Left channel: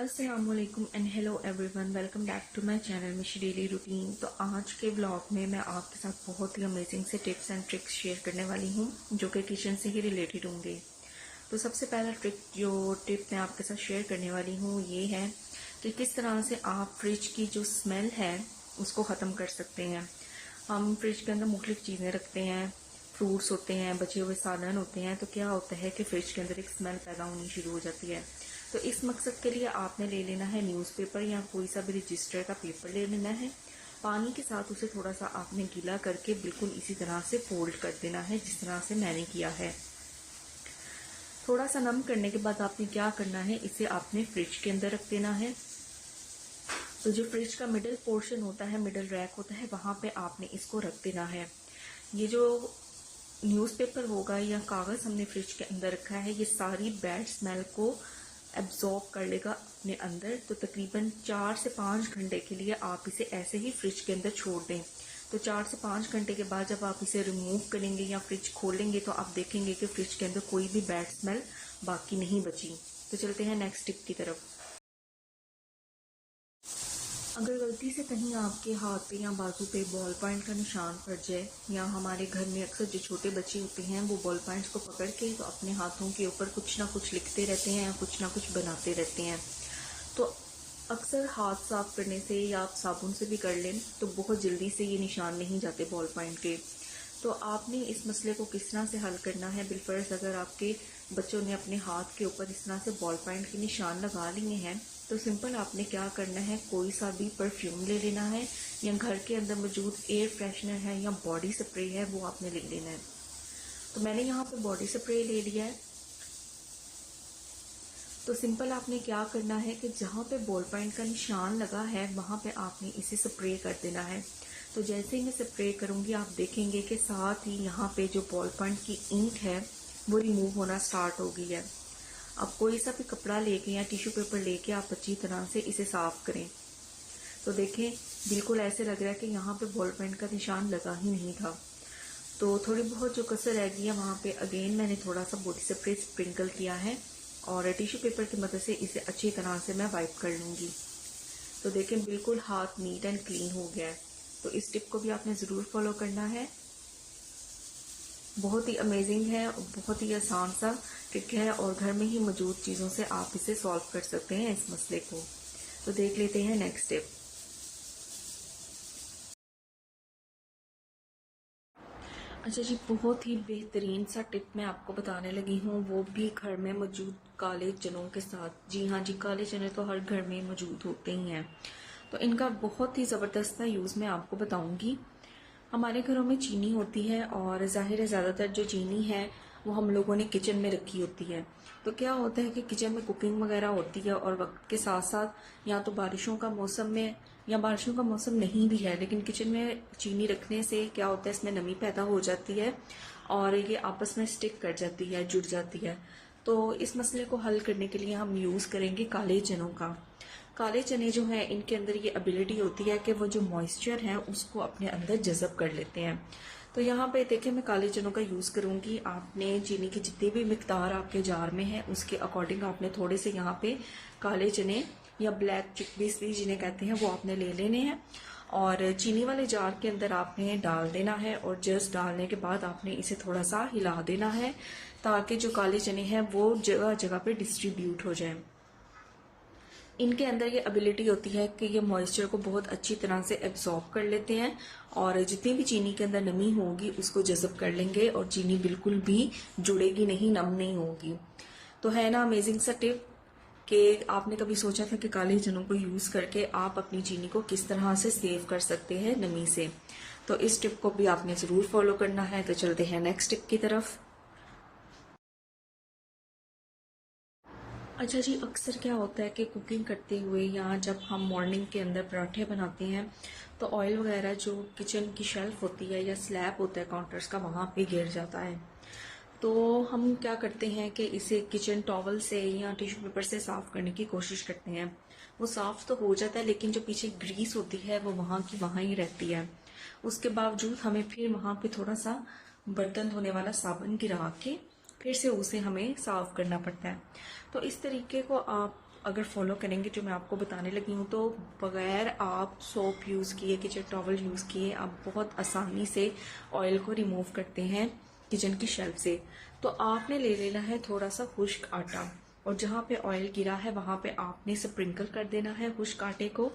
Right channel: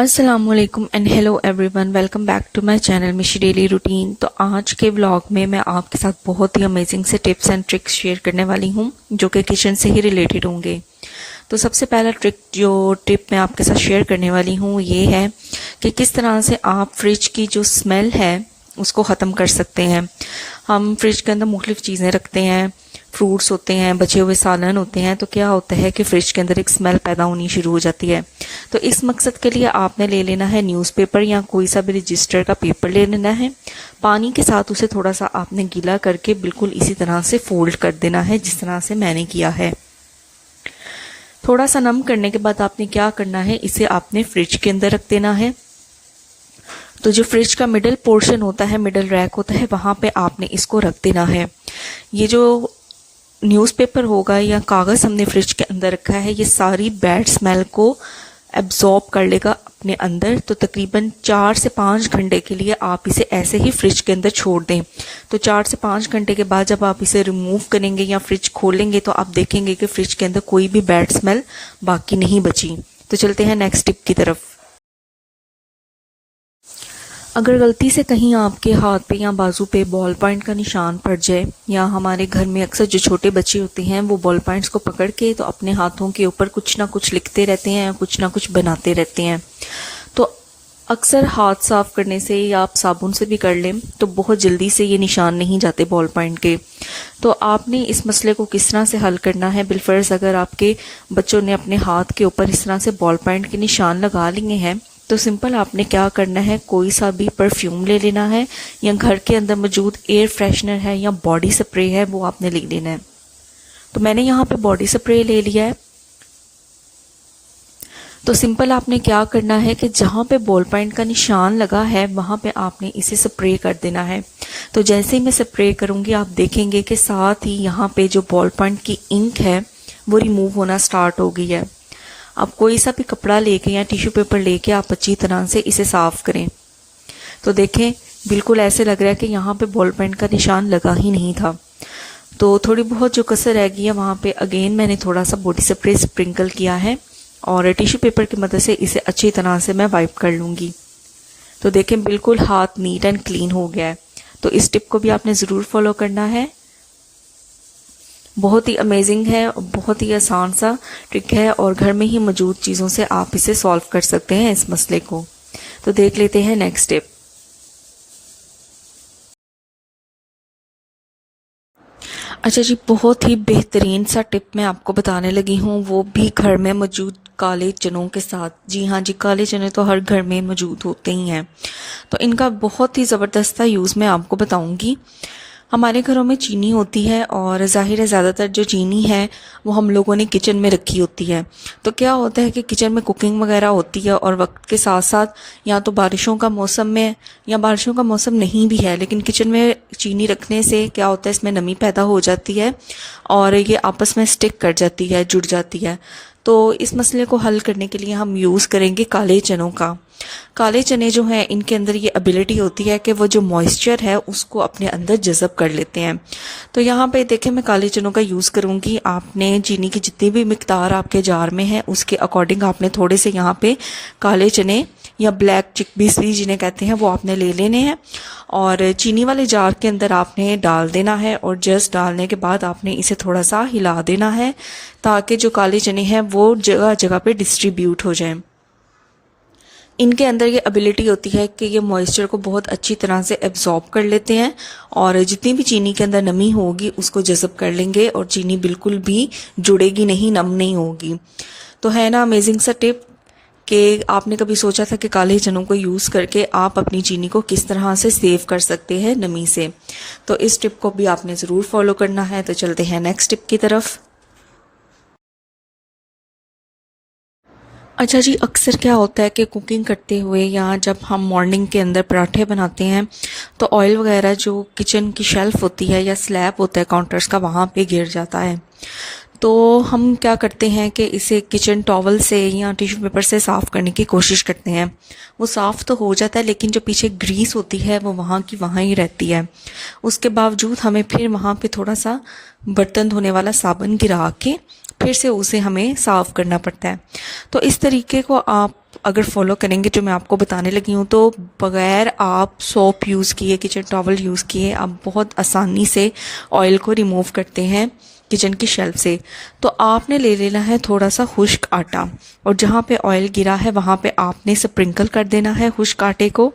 अस्सलामुअलैकुम and hello everyone, welcome back to my channel Mishi daily routine. तो आज के व्लॉग में मैं आपके साथ बहुत ही अमेजिंग से टिप्स एंड ट्रिक्स शेयर करने वाली हूँ जो कि किचन से ही रिलेटेड होंगे। तो सबसे पहला टिप मैं आपके साथ शेयर करने वाली हूँ ये है कि किस तरह से आप फ्रिज की जो स्मेल है उसको ख़त्म कर सकते हैं। हम फ्रिज के अंदर मुख्तलिफ़ चीज़ें रखते हैं, फ्रूट्स होते हैं, बचे हुए सालन होते हैं, तो क्या होता है कि फ्रिज के अंदर एक स्मेल पैदा होनी शुरू हो जाती है। तो इस मकसद के लिए आपने ले लेना है न्यूज़पेपर या कोई सा भी रजिस्टर का पेपर ले लेना है। पानी के साथ उसे थोड़ा सा आपने गीला करके बिल्कुल इसी तरह से फोल्ड कर देना है जिस तरह से मैंने किया है। थोड़ा सा नम करने के बाद आपने क्या करना है, इसे आपने फ्रिज के अंदर रख देना है। तो जो फ्रिज का मिडल पोर्शन होता है, मिडल रैक होता है, वहाँ पे आपने इसको रख देना है। ये जो न्यूज़पेपर होगा या कागज़ हमने फ्रिज के अंदर रखा है, ये सारी बैड स्मेल को एब्जॉर्ब कर लेगा अपने अंदर। तो तकरीबन 4 से 5 घंटे के लिए आप इसे ऐसे ही फ्रिज के अंदर छोड़ दें। तो 4 से 5 घंटे के बाद जब आप इसे रिमूव करेंगे या फ्रिज खोलेंगे तो आप देखेंगे कि फ्रिज के अंदर कोई भी बैड स्मेल बाकी नहीं बची। तो चलते हैं नेक्स्ट टिप की तरफ। अगर गलती से कहीं आपके हाथ पे या बाजू पे बॉल पॉइंट का निशान पड़ जाए, या हमारे घर में अक्सर जो छोटे बच्चे होते हैं वो बॉल पॉइंट्स को पकड़ के तो अपने हाथों के ऊपर कुछ ना कुछ लिखते रहते हैं या कुछ ना कुछ बनाते रहते हैं, तो अक्सर हाथ साफ करने से या आप साबुन से भी कर लें तो बहुत जल्दी से ये निशान नहीं जाते बॉल पॉइंट के। तो आपने इस मसले को किस तरह से हल करना है, बिलफर्ज अगर आपके बच्चों ने अपने हाथ के ऊपर इस तरह से बॉल पॉइंट के निशान लगा लिए हैं, तो सिंपल आपने क्या करना है, कोई सा भी परफ्यूम ले लेना है या घर के अंदर मौजूद एयर फ्रेशनर है या बॉडी स्प्रे है वो आपने ले लेना है। तो मैंने यहाँ पे बॉडी स्प्रे ले लिया है। तो सिंपल आपने क्या करना है कि जहाँ पे बॉल पॉइंट का निशान लगा है वहाँ पे आपने इसे स्प्रे कर देना है। तो जैसे ही मैं स्प्रे करूँगी आप देखेंगे कि साथ ही यहाँ पे जो बॉल पॉइंट की इंक है वो रिमूव होना स्टार्ट हो गई है। अब कोई सा भी कपड़ा लेके या टिश्यू पेपर लेके आप अच्छी तरह से इसे साफ करें। तो देखें बिल्कुल ऐसे लग रहा है कि यहाँ पे बॉल पेन का निशान लगा ही नहीं था। तो थोड़ी बहुत जो कसर रह गई है वहाँ पे अगेन मैंने थोड़ा सा बॉडी स्प्रे स्प्रिंकल किया है और टिश्यू पेपर की मदद से इसे अच्छी तरह से मैं वाइप कर लूँगी। तो देखें बिल्कुल हाथ नीट एंड क्लीन हो गया है। तो इस टिप को भी आपने ज़रूर फॉलो करना है। बहुत ही अमेजिंग है, बहुत ही आसान सा ट्रिक है और घर में ही मौजूद चीज़ों से आप इसे सॉल्व कर सकते हैं इस मसले को। तो देख लेते हैं नेक्स्ट टिप। अच्छा जी, बहुत ही बेहतरीन सा टिप मैं आपको बताने लगी हूँ, वो भी घर में मौजूद काले चनों के साथ। जी हाँ जी, काले चने तो हर घर में मौजूद होते ही हैं। तो इनका बहुत ही ज़बरदस्त सा यूज़ मैं आपको बताऊँगी। हमारे घरों में चीनी होती है और ज़ाहिर है ज़्यादातर जो चीनी है वो हम लोगों ने किचन में रखी होती है। तो क्या होता है कि किचन में कुकिंग वगैरह होती है और वक्त के साथ साथ या तो बारिशों का मौसम में या बारिशों का मौसम नहीं भी है, लेकिन किचन में चीनी रखने से क्या होता है, इसमें नमी पैदा हो जाती है और ये आपस में स्टिक कर जाती है, जुड़ जाती है। तो इस मसले को हल करने के लिए हम यूज़ करेंगे काले चनों का। काले चने जो हैं इनके अंदर ये एबिलिटी होती है कि वो जो मॉइस्चर है उसको अपने अंदर जज़ब कर लेते हैं। तो यहाँ पे देखें मैं काले चनों का यूज़ करूँगी। आपने चीनी की जितनी भी मिकदार आपके जार में है उसके अकॉर्डिंग आपने थोड़े से यहाँ पे काले चने या ब्लैक चिकपीस भी जिन्हें कहते हैं वो आपने ले लेने हैं और चीनी वाले जार के अंदर आपने डाल देना है और जस्ट डालने के बाद आपने इसे थोड़ा सा हिला देना है ताकि जो काले चने हैं वो जगह जगह पे डिस्ट्रीब्यूट हो जाएं। इनके अंदर ये एबिलिटी होती है कि ये मॉइस्चर को बहुत अच्छी तरह से एब्जॉर्ब कर लेते हैं और जितनी भी चीनी के अंदर नमी होगी उसको जज़ब कर लेंगे और चीनी बिल्कुल भी जुड़ेगी नहीं, नम नहीं होगी। तो है ना अमेजिंग सा टिप कि आपने कभी सोचा था कि काले चनों को यूज़ करके आप अपनी चीनी को किस तरह से सेव कर सकते हैं नमी से। तो इस टिप को भी आपने ज़रूर फॉलो करना है। तो चलते हैं नेक्स्ट टिप की तरफ। अच्छा जी, अक्सर क्या होता है कि कुकिंग करते हुए या जब हम मॉर्निंग के अंदर पराठे बनाते हैं तो ऑयल वगैरह जो किचन की शेल्फ़ होती है या स्लैब होता है काउंटर्स का वहाँ पे गिर जाता है। तो हम क्या करते हैं कि इसे किचन टॉवल से या टिश्यू पेपर से साफ़ करने की कोशिश करते हैं। वो साफ़ तो हो जाता है लेकिन जो पीछे ग्रीस होती है वो वहाँ की वहाँ ही रहती है। उसके बावजूद हमें फिर वहाँ पे थोड़ा सा बर्तन धोने वाला साबुन गिरा के फिर से उसे हमें साफ़ करना पड़ता है। तो इस तरीके को आप अगर फॉलो करेंगे जो मैं आपको बताने लगी हूँ, तो बग़ैर आप सोप यूज़ किए, किचन टॉवल यूज़ किए, आप बहुत आसानी से ऑयल को रिमूव करते हैं किचन की शेल्फ से। तो आपने ले लेना है थोड़ा सा खुश्क आटा, और जहाँ पे ऑयल गिरा है वहाँ पे आपने स्प्रिंकल कर देना है खुश्क आटे को,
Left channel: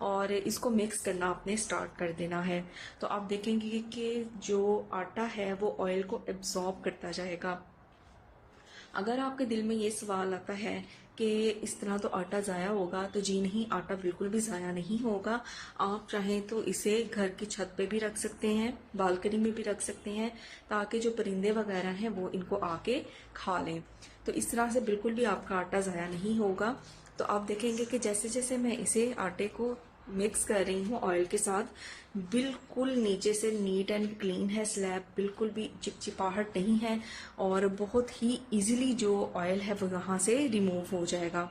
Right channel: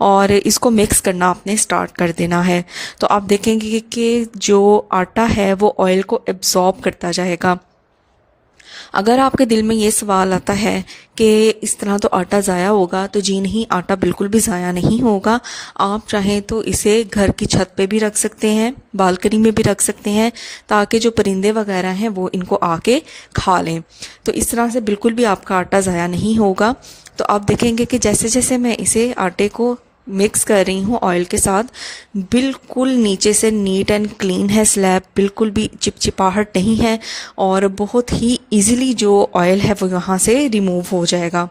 और इसको मिक्स करना आपने स्टार्ट कर देना है। तो आप देखेंगे कि जो आटा है वो ऑयल को एब्जॉर्ब करता जाएगा। अगर आपके दिल में ये सवाल आता है कि इस तरह तो आटा ज़ाया होगा, तो जी नहीं, आटा बिल्कुल भी ज़ाया नहीं होगा। आप चाहें तो इसे घर की छत पे भी रख सकते हैं, बालकनी में भी रख सकते हैं, ताकि जो परिंदे वगैरह हैं वो इनको आके खा लें। तो इस तरह से बिल्कुल भी आपका आटा ज़ाया नहीं होगा। तो आप देखेंगे कि जैसे जैसे मैं इसे आटे को मिक्स कर रही हूँ ऑयल के साथ, बिल्कुल नीचे से नीट एंड क्लीन है स्लैब, बिल्कुल भी चिपचिपाहट नहीं है, और बहुत ही इजीली जो ऑयल है वो यहाँ से रिमूव हो जाएगा।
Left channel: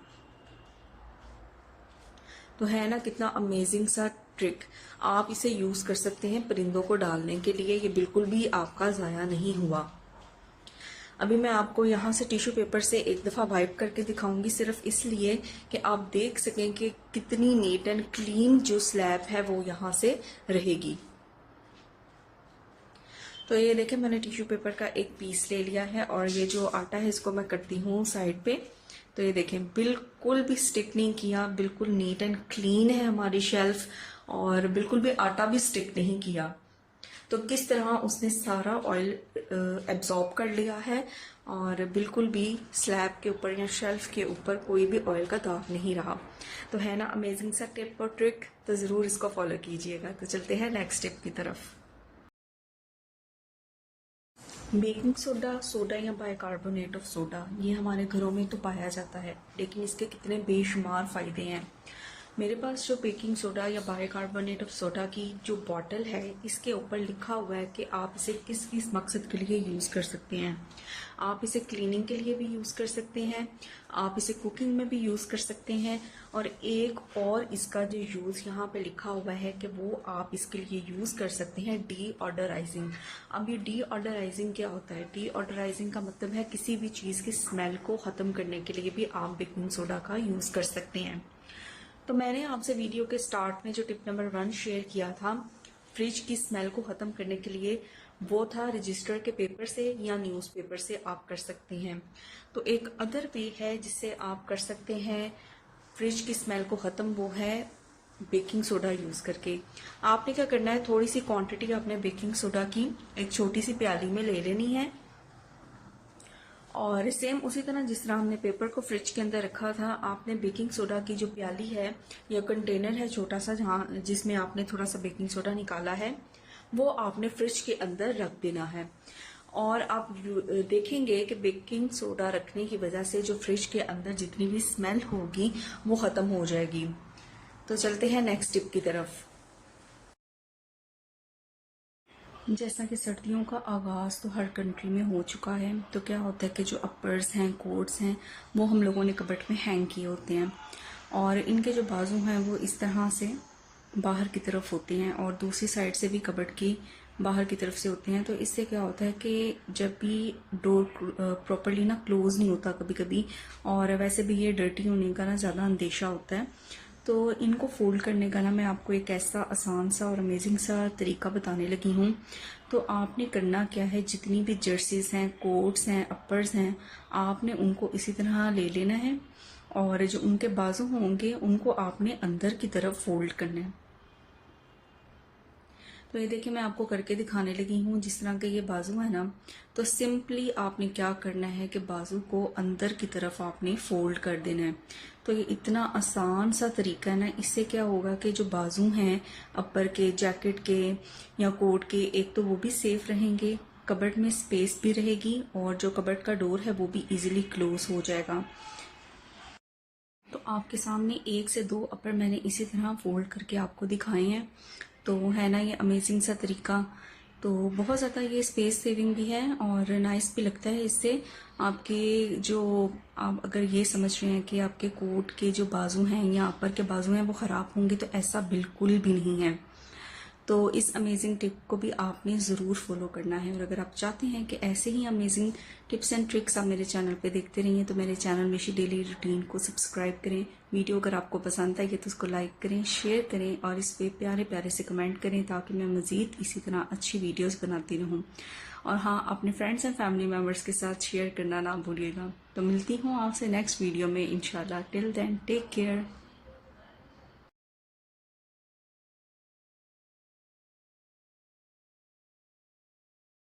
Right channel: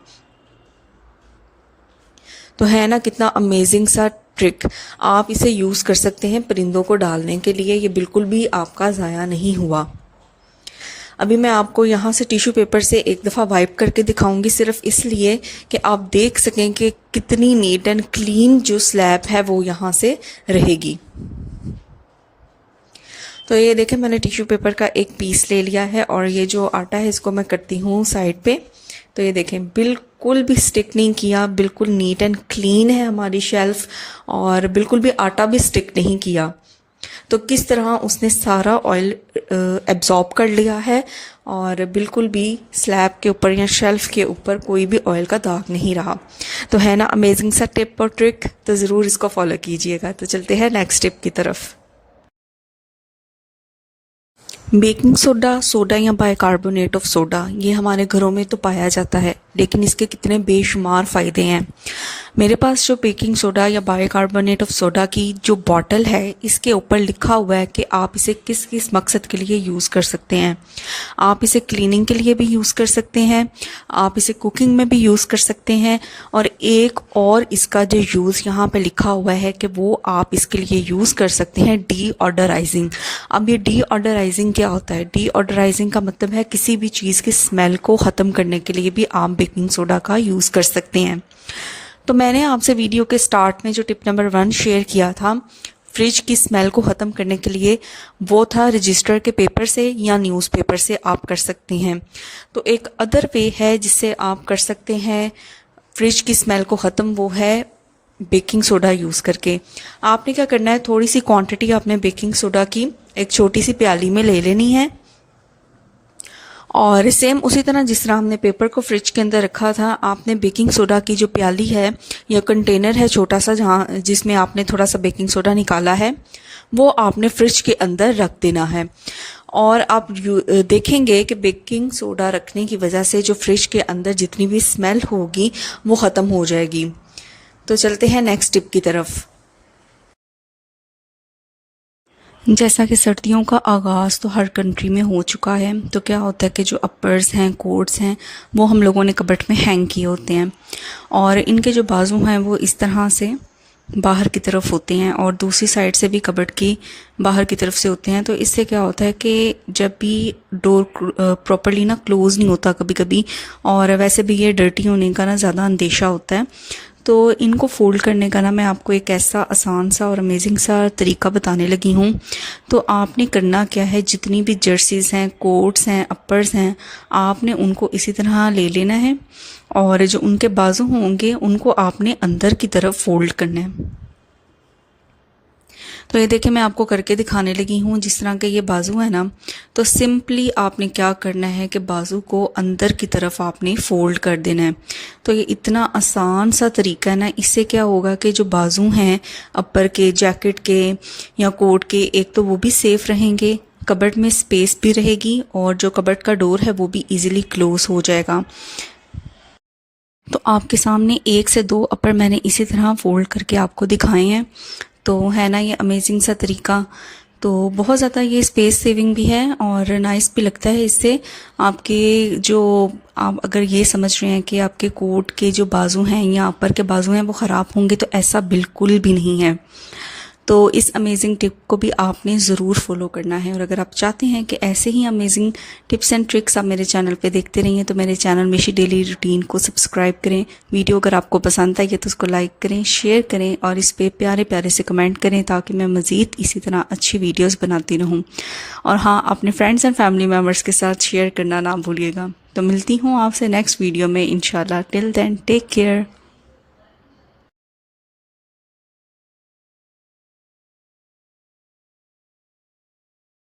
तो है ना कितना अमेजिंग सा ट्रिक। आप इसे यूज़ कर सकते हैं परिंदों को डालने के लिए, ये बिल्कुल भी आपका ज़ाया नहीं हुआ। अभी मैं आपको यहाँ से टिश्यू पेपर से एक दफ़ा वाइप करके दिखाऊंगी, सिर्फ इसलिए कि आप देख सकें कि कितनी नीट एंड क्लीन जो स्लैब है वो यहाँ से रहेगी। तो ये देखें, मैंने टिश्यू पेपर का एक पीस ले लिया है, और ये जो आटा है इसको मैं करती हूँ साइड पे। तो ये देखें, बिल्कुल भी स्टिक नहीं किया, बिल्कुल नीट एंड क्लीन है हमारी शेल्फ, और बिल्कुल भी आटा भी स्टिक नहीं किया। तो किस तरह उसने सारा ऑयल एब्जॉर्ब कर लिया है, और बिल्कुल भी स्लैब के ऊपर या शेल्फ के ऊपर कोई भी ऑयल का दाग नहीं रहा। तो है ना अमेजिंग सा टिप और ट्रिक, तो ज़रूर इसको फॉलो कीजिएगा। तो चलते हैं नेक्स्ट टिप की तरफ। बेकिंग सोडा, सोडा या बाइकार्बोनेट ऑफ सोडा, ये हमारे घरों में तो पाया जाता है, लेकिन इसके कितने बेशुमार फ़ायदे हैं। मेरे पास जो बेकिंग सोडा या बाइकार्बोनेट ऑफ सोडा की जो बॉटल है, इसके ऊपर लिखा हुआ है कि आप इसे किस किस मकसद के लिए यूज़ कर सकते हैं। आप इसे क्लीनिंग के लिए भी यूज़ कर सकते हैं, आप इसे कुकिंग में भी यूज़ कर सकते हैं, और एक और इसका जो यूज़ यहाँ पे लिखा हुआ है कि वो आप इसके लिए यूज़ कर सकते हैं डीऑडराइजिंग। अब ये डीऑडराइजिंग क्या होता है? डीऑडराइजिंग का मतलब है किसी भी चीज़ की स्मेल को ख़त्म करने के लिए भी आप बेकिंग सोडा का यूज़ कर सकते हैं। तो मैंने आपसे वीडियो के स्टार्ट में जो टिप नंबर 1 शेयर किया था फ्रिज की स्मेल को ख़त्म करने के लिए, वो था रजिस्टर के पेपर से या न्यूज़पेपर से आप कर सकते हैं। तो एक अदर वे है जिससे आप कर सकते हैं फ्रिज की स्मेल को ख़त्म, वो है बेकिंग सोडा यूज़ करके। आपने क्या करना है, थोड़ी सी क्वांटिटी आपने बेकिंग सोडा की एक छोटी सी प्याली में ले लेनी है, और सेम उसी तरह जिस तरह हमने पेपर को फ्रिज के अंदर रखा था, आपने बेकिंग सोडा की जो प्याली है या कंटेनर है छोटा सा, जहाँ जिसमें आपने थोड़ा सा बेकिंग सोडा निकाला है, वो आपने फ्रिज के अंदर रख देना है। और आप देखेंगे कि बेकिंग सोडा रखने की वजह से जो फ्रिज के अंदर जितनी भी स्मेल होगी वो ख़त्म हो जाएगी। तो चलते हैं नेक्स्ट टिप की तरफ। जैसा कि सर्दियों का आगाज़ तो हर कंट्री में हो चुका है, तो क्या होता है कि जो अपर्स हैं, कोट्स हैं, वो हम लोगों ने कबर्ड में हैंग किए होते हैं, और इनके जो बाजू हैं वो इस तरह से बाहर की तरफ होते हैं, और दूसरी साइड से भी कबर्ड की बाहर की तरफ से होते हैं। तो इससे क्या होता है कि जब भी डोर प्रॉपर्ली ना क्लोज़ नहीं होता कभी कभी, और वैसे भी ये डर्टी होने का ना ज़्यादा अंदेशा होता है, तो इनको फ़ोल्ड करने का ना मैं आपको एक ऐसा आसान सा और अमेजिंग सा तरीका बताने लगी हूँ। तो आपने करना क्या है, जितनी भी जर्सीज़ हैं, कोट्स हैं, अपर्स हैं, आपने उनको इसी तरह ले लेना है, और जो उनके बाजू होंगे उनको आपने अंदर की तरफ फ़ोल्ड करना है। तो ये देखिए, मैं आपको करके दिखाने लगी हूँ। जिस तरह के ये बाजू है ना, तो सिंपली आपने क्या करना है कि बाजू को अंदर की तरफ आपने फ़ोल्ड कर देना है। तो ये इतना आसान सा तरीका है ना, इससे क्या होगा कि जो बाजू हैं अपर के, जैकेट के या कोट के, एक तो वो भी सेफ़ रहेंगे, कबर्ड में स्पेस भी रहेगी, और जो कबर्ड का डोर है वो भी ईज़िली क्लोज़ हो जाएगा। तो आपके सामने 1 से 2 अपर मैंने इसी तरह फ़ोल्ड करके आपको दिखाए हैं। तो है ना ये अमेजिंग सा तरीका। तो बहुत ज़्यादा ये स्पेस सेविंग भी है और नाइस भी लगता है। इससे आपके जो, आप अगर ये समझ रहे हैं कि आपके कोट के जो बाजू हैं या अपर के बाजू हैं वो ख़राब होंगे, तो ऐसा बिल्कुल भी नहीं है। तो इस अमेजिंग टिप को भी आपने ज़रूर फॉलो करना है। और अगर आप चाहते हैं कि ऐसे ही अमेजिंग टिप्स एंड ट्रिक्स आप मेरे चैनल पे देखते रहिए तो मेरे चैनल मिशी डेली रूटीन को सब्सक्राइब करें। वीडियो अगर आपको पसंद आई है तो उसको लाइक करें, शेयर करें और इस पे प्यारे प्यारे से कमेंट करें ताकि मैं मज़ीद इसी तरह अच्छी वीडियोस बनाती रहूं। और हाँ, अपने फ्रेंड्स एंड फैमिली मेम्बर्स के साथ शेयर करना ना भूलिएगा। तो मिलती हूँ आपसे नेक्स्ट वीडियो में इंशाल्लाह। Till then take care.